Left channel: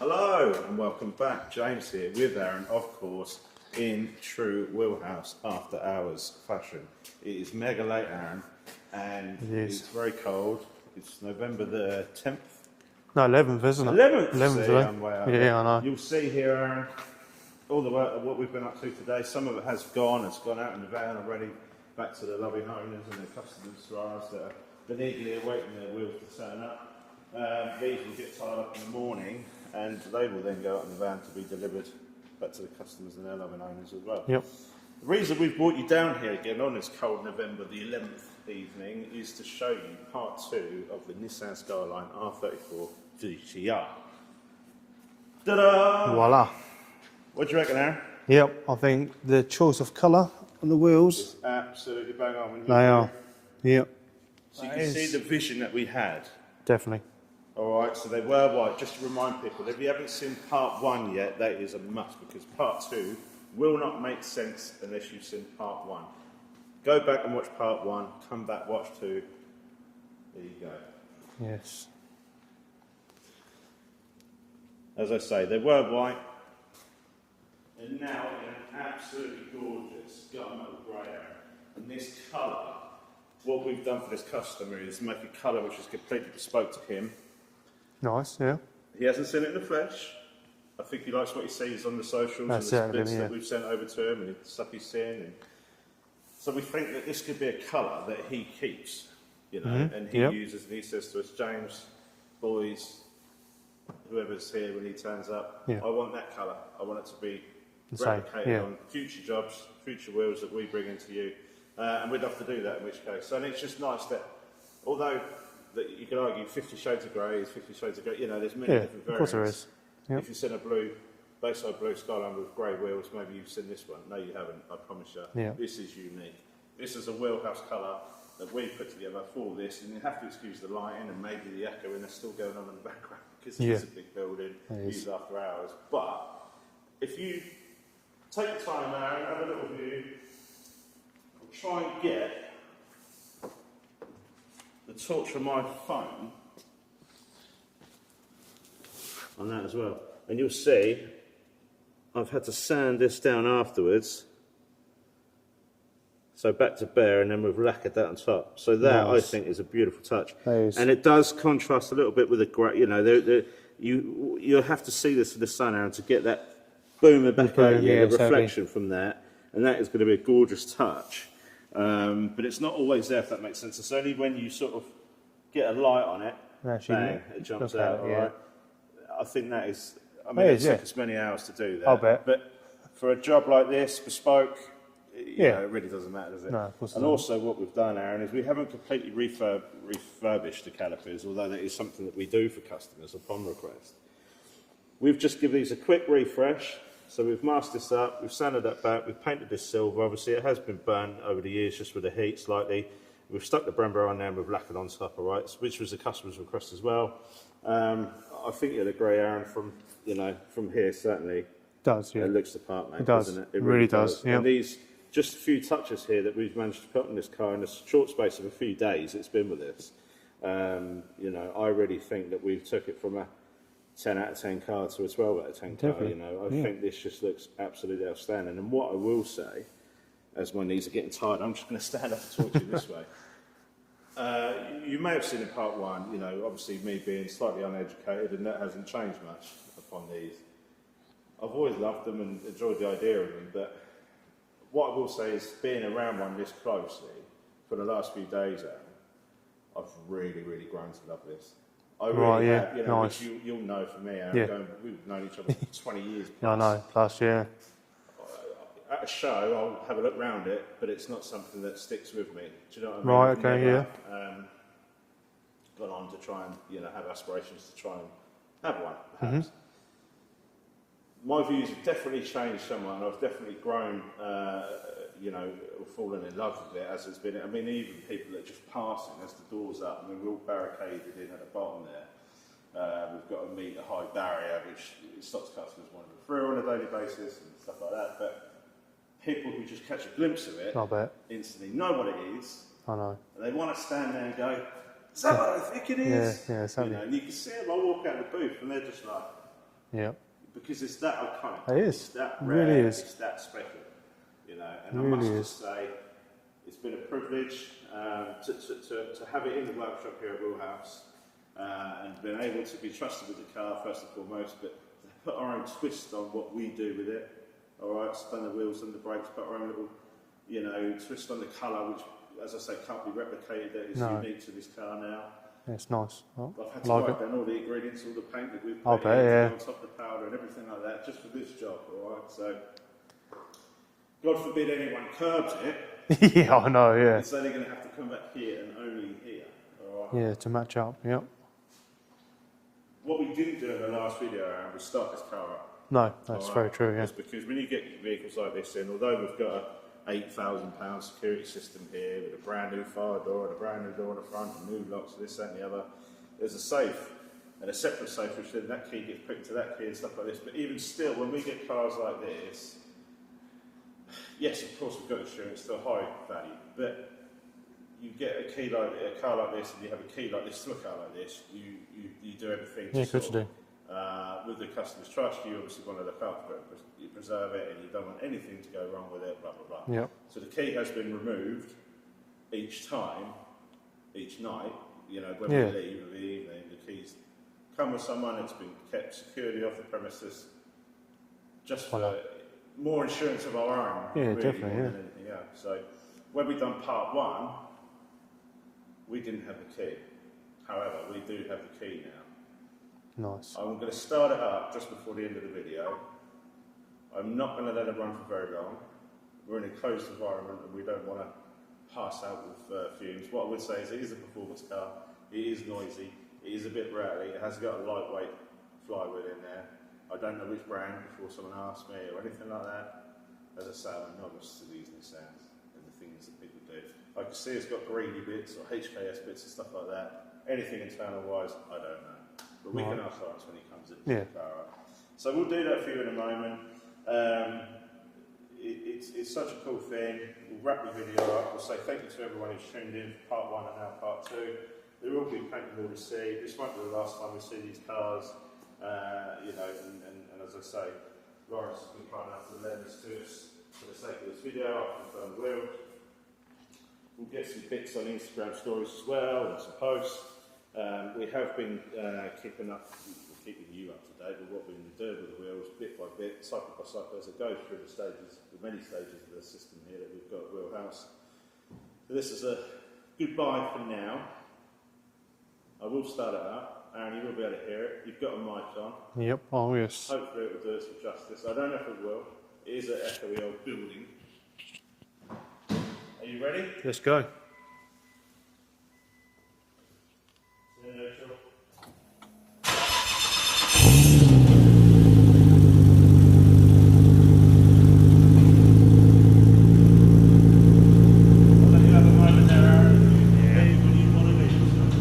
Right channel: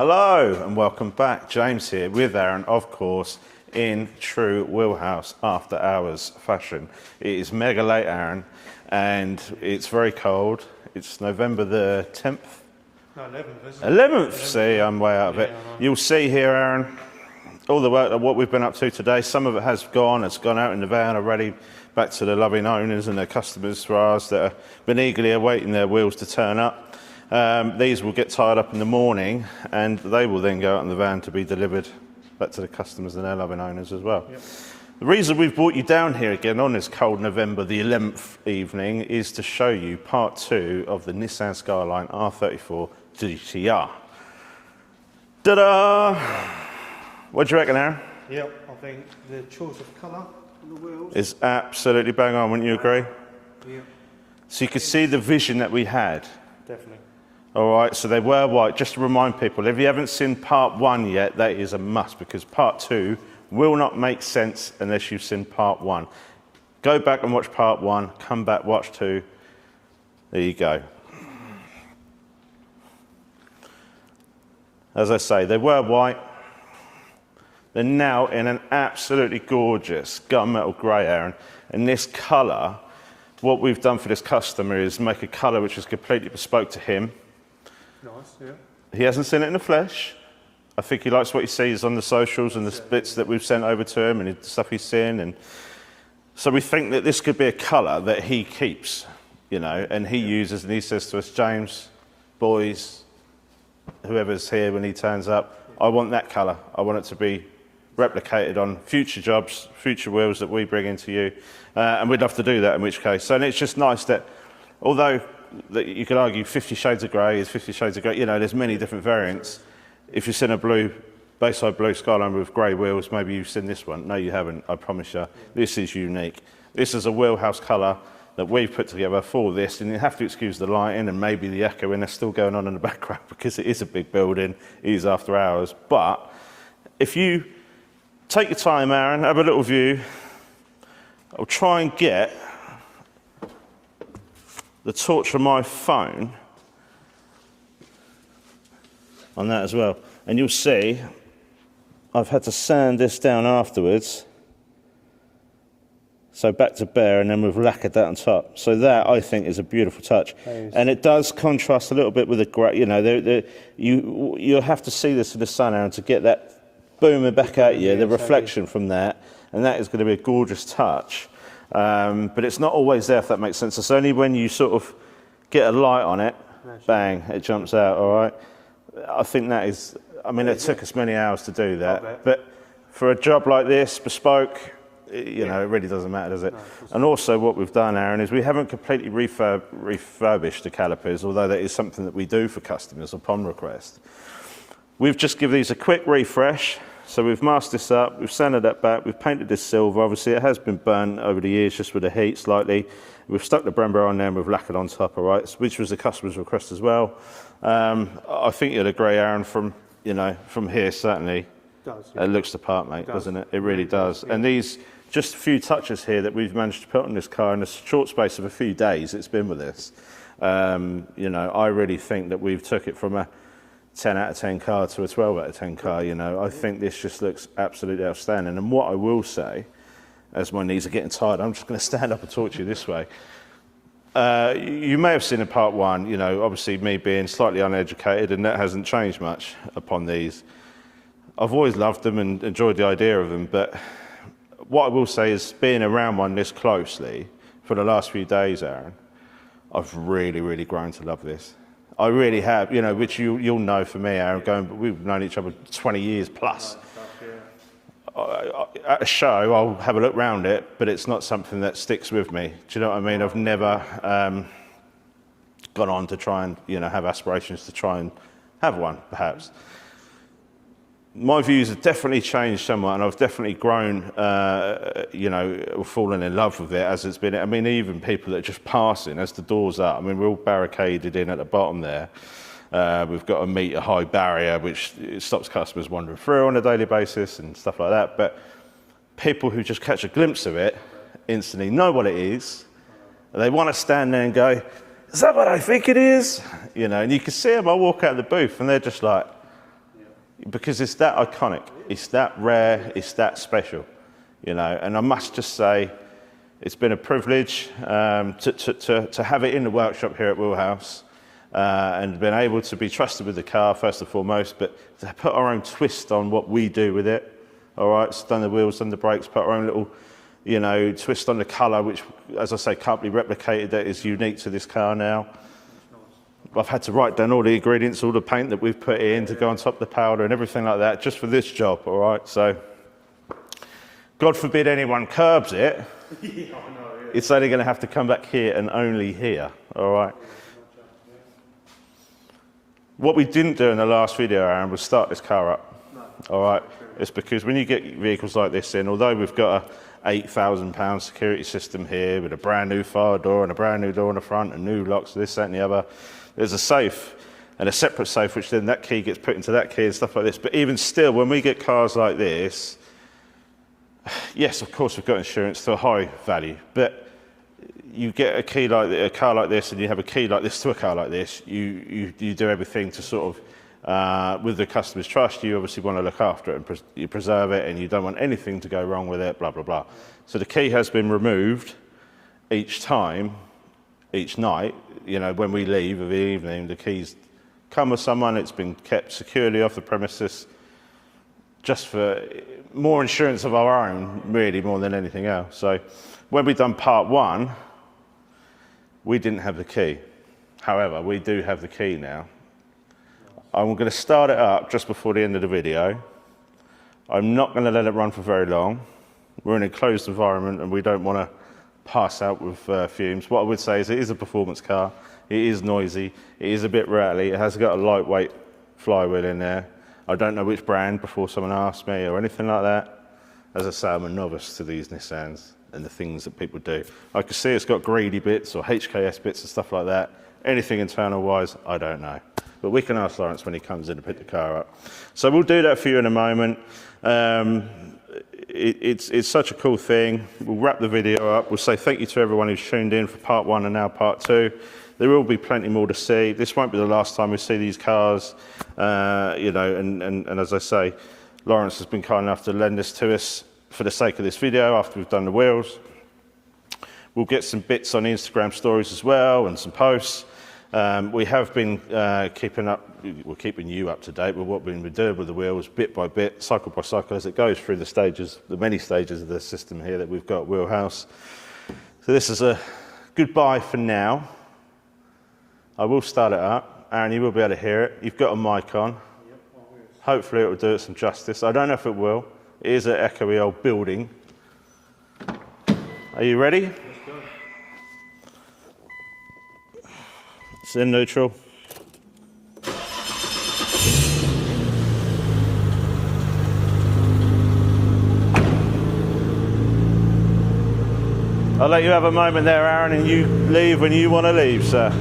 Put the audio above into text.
Hello and welcome back. James here with Aaron, of course, in true Wheelhouse after hours fashion. It is mega late, Aaron, and it's very cold. It's November the 10th. No, 11th, isn't it? 11th. See, I'm way out of it. I know. You'll see here, Aaron, all the work, what we've been up to today. Some of it has gone. It's gone out in the van already, back to the loving owners and their customers for ours that have been eagerly awaiting their wheels to turn up. These will get tied up in the morning and they will then go out in the van to be delivered back to the customers and their loving owners as well. Yep. The reason we've brought you down here again on this cold November the 11th evening is to show you part 2 of the Nissan Skyline R34 GTR. Ta-da! Voila. What do you reckon, Aaron? Yep, I think the choice of colour on the wheels It's absolutely bang on, wouldn't you agree? Yep. So you can see the vision that we had. Definitely. All right, so they were white. Just to remind people, if you haven't seen part 1 yet, that is a must because part 2 will not make sense unless you've seen part 1. Go back and watch part 1, come back, watch 2. There you go. Yes. As I say, they were white. They're now in an absolutely gorgeous gunmetal grey, Aaron. And this colour, what we've done for this customer is make a colour which is completely bespoke to him. Nice, yeah. He hasn't seen it in the flesh. I think he likes what he sees on the socials and the That's it, bits that yeah. we've sent over to him and the stuff he's seen. And so we think that this could be a colour that he keeps, you know, and he uses, and he says to us, James, boys, whoever's here when he turns up, I want that colour. I want it to be replicated on future jobs, future wheels that we bring into you. And we'd love to do that in which case. So and it's just nice that, although that you could argue 50 shades of grey is 50 shades of grey, you know, there's many different variants. If you've seen a blue, Bayside blue Skyline with grey wheels, maybe you've seen this one. No, you haven't, I promise you. This is unique. This is a wheelhouse colour that we've put together for this, and you have to excuse the lighting and maybe the echoing that's still going on in the background because it is a big building, it is after hours. But if you take your time, Aaron, have a little view, I'll try and get the torch on my phone on that as well. And you'll see I've had to sand this down afterwards. So back to bare, and then we've lacquered that on top. So that, I think, is a beautiful touch. And it does contrast a little bit with the grey, you know, you have to see this in the sun, Aaron, to get that booming back at you, the reflection from that. And that is going to be a gorgeous touch. But it's not always there, if that makes sense. It's only when you sort of get a light on it, bang, it jumps out, all right? I think that is, I mean, it took us many hours to do that. But for a job like this, bespoke, you know, it really doesn't matter, does it? No, and also what we've done, Aaron, is we haven't completely refurbished the calipers, although that is something that we do for customers upon request. We've just given these a quick refresh. So we've masked this up, we've sanded that back, we've painted this silver. Obviously it has been burnt over the years just with the heat slightly. We've stuck the Brembo on there and we've lacquered on top, all right, which was the customer's request as well. I think you'd agree, Aaron, from, you know, from here certainly. Does, it looks the part, mate, doesn't it? It really does. And these, just a few touches here that we've managed to put on this car in a short space of a few days it's been with us. You know, I really think that we've took it from a 10 out of 10 car to a 12 out of 10 car, you know. I think this just looks absolutely outstanding. And what I will say, as my knees are getting tired, I'm just going to stand up and talk to you this way. You may have seen in part 1, you know, obviously me being slightly uneducated, and that hasn't changed much upon these. I've always loved them and enjoyed the idea of them, but what I will say is being around one this closely for the last few days, Aaron, I've really, really grown to love this. I really have, you know, which you'll know for me, Aaron, we've known each other 20 years plus. I know, plus, yeah. At a show, I'll have a look round it, but it's not something that sticks with me. Do you know what I mean? I've never gone on to try and, you know, have aspirations to try and have one, perhaps. My views have definitely changed somewhat, and I've definitely grown, you know, fallen in love with it as it's been. I mean, even people that are just passing as the doors up. I mean, we're all barricaded in at the bottom there. We've got a metre-high barrier, which stops customers wandering through on a daily basis and stuff like that. But people who just catch a glimpse of it instantly know what it is. I know. They want to stand there and go, is that what I think it is? You know, and you can see them, I walk out of the booth and they're just like, Yeah. Because it's that iconic. It is. It's that It rare. really is. It's that special. You know, and I must just say, it's been a privilege to have it in the workshop here at Wheelhouse and been able to be trusted with the car first and foremost, but to put our own twist on what we do with it. All right, so done the wheels, done the brakes, put our own little, you know, twist on the colour, which, as I say, can't be replicated. That is unique to this car now. It's nice. Oh, I've had to write down all the ingredients, all the paint that we've put in to yeah. go on top of the powder and everything like that, just for this job. All right, so God forbid anyone curbs it. Yeah, I know, yeah. It's only going to have to come back here and only here, all right? Yeah, to match up, yeah. What we didn't do in the last video, Aaron, was start this car up. No, that's All right? very true, yeah. It's because when you get vehicles like this in, although we've got a £8,000 security system here with a brand new fire door and a brand new door in the front and new locks, this, that and the other, there's a safe and a separate safe, which then that key gets put into that key and stuff like this. But even still, when we get cars like this, yes, of course, we've got insurance to a high value, but you get a key like a car like this, and you have a key like this to a car like this. You do everything to sort of, with the customer's trust. You obviously want to look after it and you preserve it, and you don't want anything to go wrong with it. Blah blah blah. Yep. So the key has been removed each time, each night. You know, when we leave of the evening, the keys come with someone. It's been kept securely off the premises, just for more insurance of our own, really, more than anything else. So when we done part one, we didn't have the key. However, we do have the key now. Nice. I'm going to start it up just before the end of the video. I'm not going to let it run for very long. We're in a closed environment and we don't want to pass out with fumes. What I would say is it is a performance car. It is noisy. It is a bit rattly. It has got a lightweight flywheel in there. I don't know which brand before someone asks me or anything like that. As I say, I'm a novice to these Nissans and the things that people do. I can see it's got greedy bits or HKS bits and stuff like that. Anything internal-wise, I don't know. But we can ask Lawrence when he comes in to pick the car up. So we'll do that for you in a moment. It's such a cool thing. We'll wrap the video up. We'll say thank you to everyone who's tuned in for part one and now part two. There will be plenty more to see. This won't be the last time we see these cars, you know, and as I say, Lawrence has been kind enough to lend this to us for the sake of this video after we've done the wheels. We'll get some bits on Instagram stories as well and some posts. We have been keeping you up to date with what we've been doing with the wheels, bit by bit, cycle by cycle, as it goes through the stages, the many stages of the system here that we've got at Wheelhouse. So this is a goodbye for now. I will start it up. Aaron, you will be able to hear it. You've got a mic on. Yep, oh yes. Hopefully it will do it some justice. I don't know if it will. It is an echoey old building. Are you ready? Let's go. It's in neutral. I'll let you have a moment there, Aaron, and you leave when you want to leave, sir.